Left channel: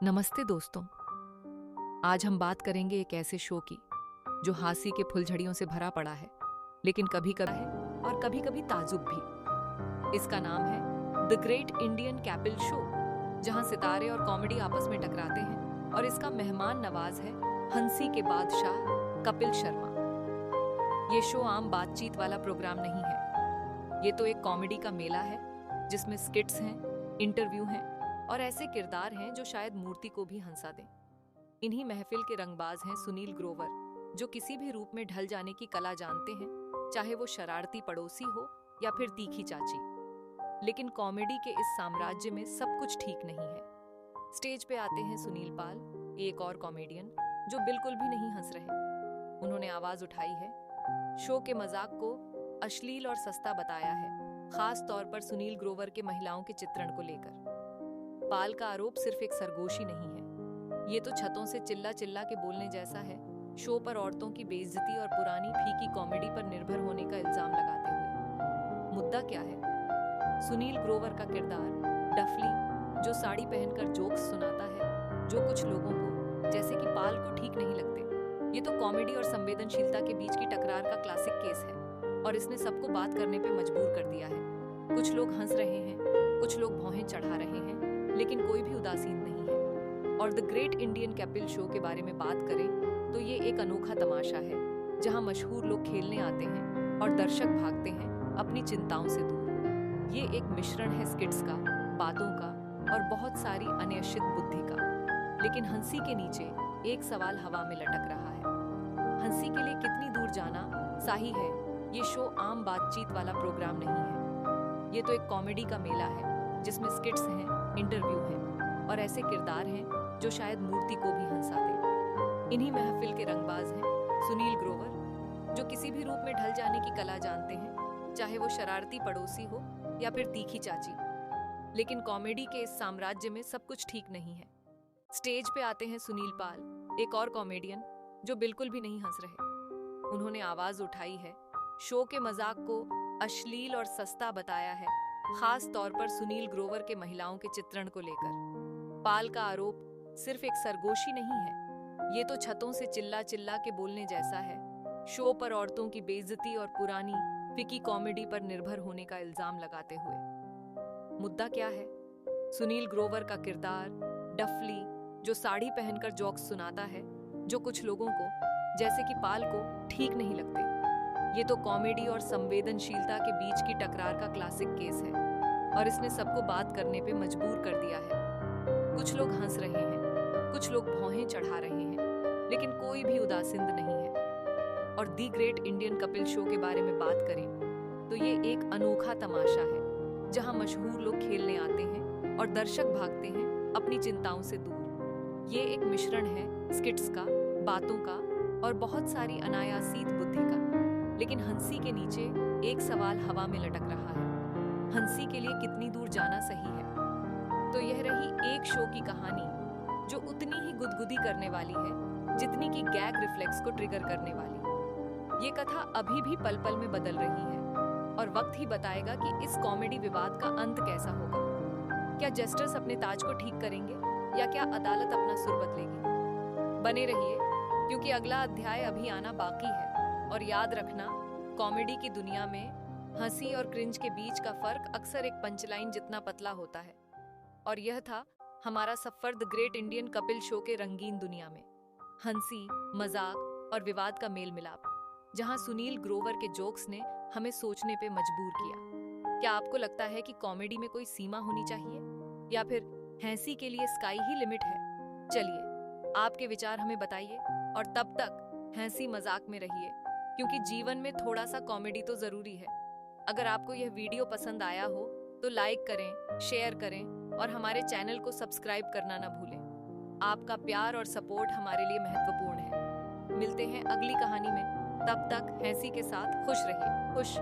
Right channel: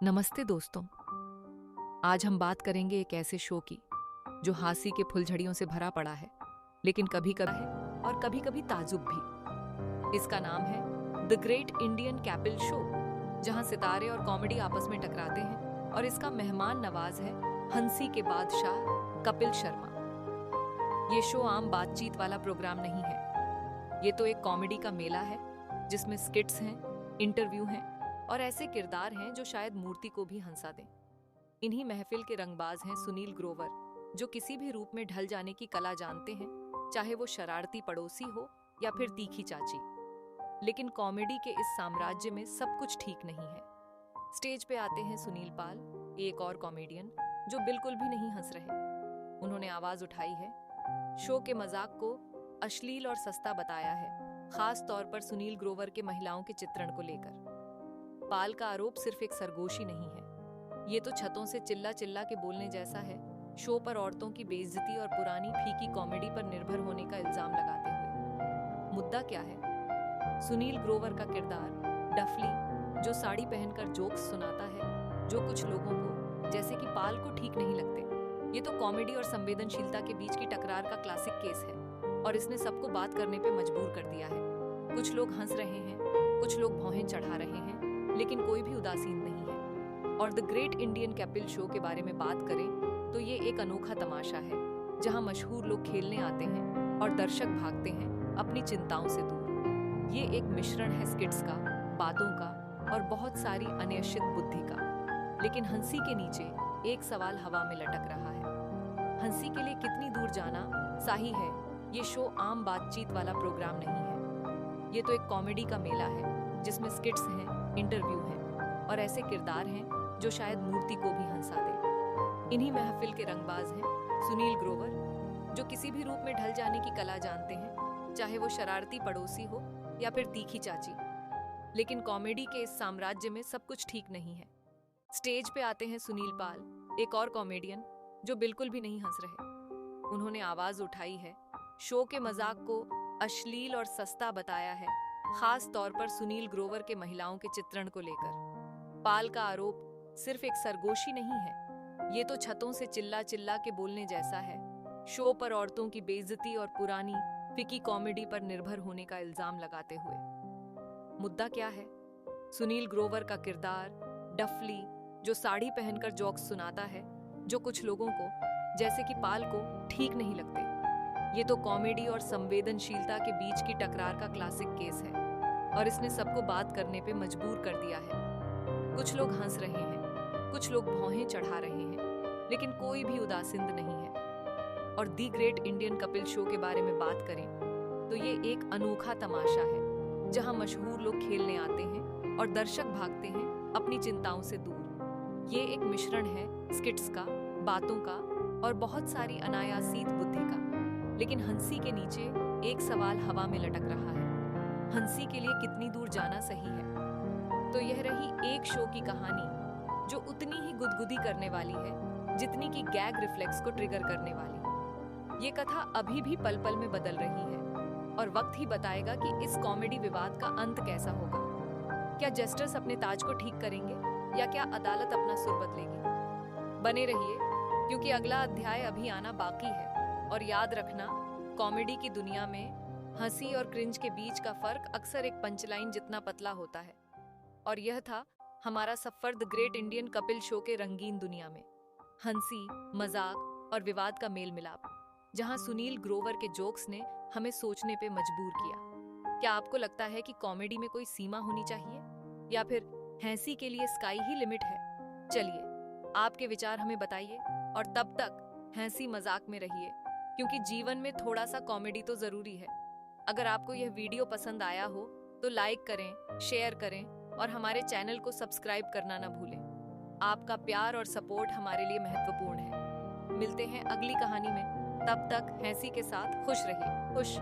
नमस्ते दोस्तों। आज हम बात करेंगे एक ऐसे शो की जो हांसी के फुलझड़ियों से भरा पड़ा है, लेकिन कभी कभी है और कभी कभी ताजुब भी। इसका नाम है द ग्रेट इंडियन कैपिल शो, जहां सितारे और कॉमेडी आपस में टकराते हैं। और इसका मेहमान नवाज है हंसी के बादशाह कपिल शर्मा। ये शो आम बातचीत वाला प्रोग्राम नहीं है। ये तो एक कॉमेडी का मेला है जिसमें स्किट्स हैं, इंटरव्यू हैं और ऐसे किरदार हैं जो शायद मूर्ति को भी हंसा दें। इन्हीं महफिल के रंगबाज हैं सुनील ग्रोवर, जो किसी भी रूप में ढल जाने की कला जानते हैं, चाहे वो शरारती पड़ोसी हो या फिर तीखी चाची। लेकिन कॉमेडी के इस साम्राज्य में सब कुछ ठीक नहीं है। स्टेज पे आते हैं सुनील पाल, एक और कॉमेडियन जो बिल्कुल भी नहीं हंस रहे। उन्होंने आवाज उठाई है, शो के मजाक को अश्लील और सस्ता बताया है, खास तौर पर सुनील ग्रोवर के महिलाओं के चित्रण को लेकर। पाल का आरोप सिर्फ एक सरगोशी नहीं है, ये तो छतों से चिल्ला चिल्ला के बोलने जैसा है। शो पर औरतों की बेइज्जती और पुरानी फीकी कॉमेडी पर निर्भर होने का इल्जाम लगाते हुए। मुद्दा क्या है? सुनील ग्रोवर का किरदार डफली, जो साड़ी पहनकर जोक्स सुनाता है जो कुछ लोगों को, जैसे कि पाल को, ठीक नहीं लगते। ये तो कॉमेडी और संवेदनशीलता के बीच की टकरार का क्लासिक केस है और इसने सबको बात करने पे मजबूर कर दिया है। कुछ लोग हंस रहे हैं, कुछ लोग भौहें चढ़ा रहे हैं, लेकिन कोई भी उदासीन नहीं है। और द ग्रेट इंडियन कैपिल शो के बारे में बात करें तो ये एक अनोखा तमाशा है जहां मशहूर लोग खेलने आते हैं और दर्शक भागते हैं अपनी चिंताओं से दूर। ये एक मिश्रण है स्किट्स का, बातों का और बहुत सारी अनिश्चित बुद्धि का। लेकिन हंसी के नीचे एक सवाल हवा में लटक रहा है, हंसी के लिए कितनी दूर जाना सही है? ये शो आम बातचीत वाला प्रोग्राम नहीं है। ये तो एक कॉमेडी का मेला है जिसमें स्किट्स हैं, इंटरव्यू हैं और ऐसे किरदार हैं जो शायद मूर्ति को भी हंसा दे। इन्हीं महफिल के रंगबाज हैं सुनील ग्रोवर, जो किसी भी रूप में ढल जाने की कला जानते हैं, चाहे वो शरारती पड़ोसी हो या फिर तीखी चाची। लेकिन कॉमेडी के इस साम्राज्य में सब कुछ ठीक नहीं है। स्टेज पे आते हैं सुनील पाल, एक और कॉमेडियन जो बिल्कुल भी नहीं हंस रहे। उन्होंने आवाज उठाई है, शो के मजाक को अश्लील और सस्ता बताया है, खास तौर पर सुनील ग्रोवर के महिलाओं के चित्रण को लेकर। पाल का आरोप सिर्फ एक सरगोशी नहीं है, ये तो छतों से चिल्ला चिल्ला के बोलने जैसा है। शो पर औरतों की बेइज्जती और पुरानी फिकी कॉमेडी पर निर्भर होने का इल्जाम लगाते हुए। मुद्दा क्या है? सुनील ग्रोवर का किरदार डफली, जो साड़ी पहनकर जोक्स सुनाता है जो कुछ लोगों को, जैसे कि पाल को, ठीक नहीं लगते। ये तो कॉमेडी और संवेदनशीलता के बीच की टकरार का क्लासिक केस है और इसने सबको बात करने पे मजबूर कर दिया है। कुछ लोग हंस रहे हैं, कुछ लोग भौहें चढ़ा रहे हैं, लेकिन कोई भी उदासीन नहीं है। और the great Indian Kapil show के बारे में बात करें तो ये एक अनोखा तमाशा है जहां मशहूर लोग खेलने आते हैं और दर्शक भागते हैं अपनी चिंताओं से दूर। ये एक मिश्रण है स्किट्स का, बातों का और बहुत सारी अनायासित बुद्धि का। लेकिन हंसी के नीचे एक सवाल हवा में लटक रहा है, हंसी के लिए कितनी दूर जाना सही है? तो यह रही एक शो की कहानी जो उतनी ही गुदगुदी करने वाली है जितनी कि गैग रिफ्लेक्स को ट्रिगर करने वाली। ये कथा अभी भी पल पल में बदल रही है और वक्त ही बताएगा कि इस कॉमेडी विवाद का अंत कैसा होगा। क्या जस्टिस अपने ताज को ठीक करेंगे या क्या अदालत अपना सुर बदलेगी? बने रहिए, क्योंकि अगला अध्याय अभी आना बाकी है। और याद रखना, कॉमेडी की दुनिया में हंसी और क्रिंज के बीच का फर्क अक्सर एक पंचलाइन जितना पतला होता है। और यह था हमारा suffer the great Indian Kapil show के रंगीन दुनिया में। हंसी, मजाक और विवाद का मेल मिलाप, जहां सुनील ग्रोवर के जोक्स ने हमें सोचने पे मजबूर किया। क्या आपको लगता है कि कॉमेडी में कोई सीमा होनी चाहिए या फिर हंसी के लिए स्काई ही लिमिट है? चलिए, आपके विचार हमें बताइए और तब तक हंसी मजाक में रहिए, क्योंकि जीवन में थोड़ा सा कॉमेडी तो जरूरी है। अगर आपको यह वीडियो पसंद आया हो तो लाइक करें, शेयर करें और हमारे चैनल को सब्सक्राइब करना ना भूलें। आपका प्यार और सपोर्ट हमारे लिए महत्वपूर्ण है। मिलते हैं अगली कहानी में, तब तक हंसी के साथ खुश रहिए। खुश।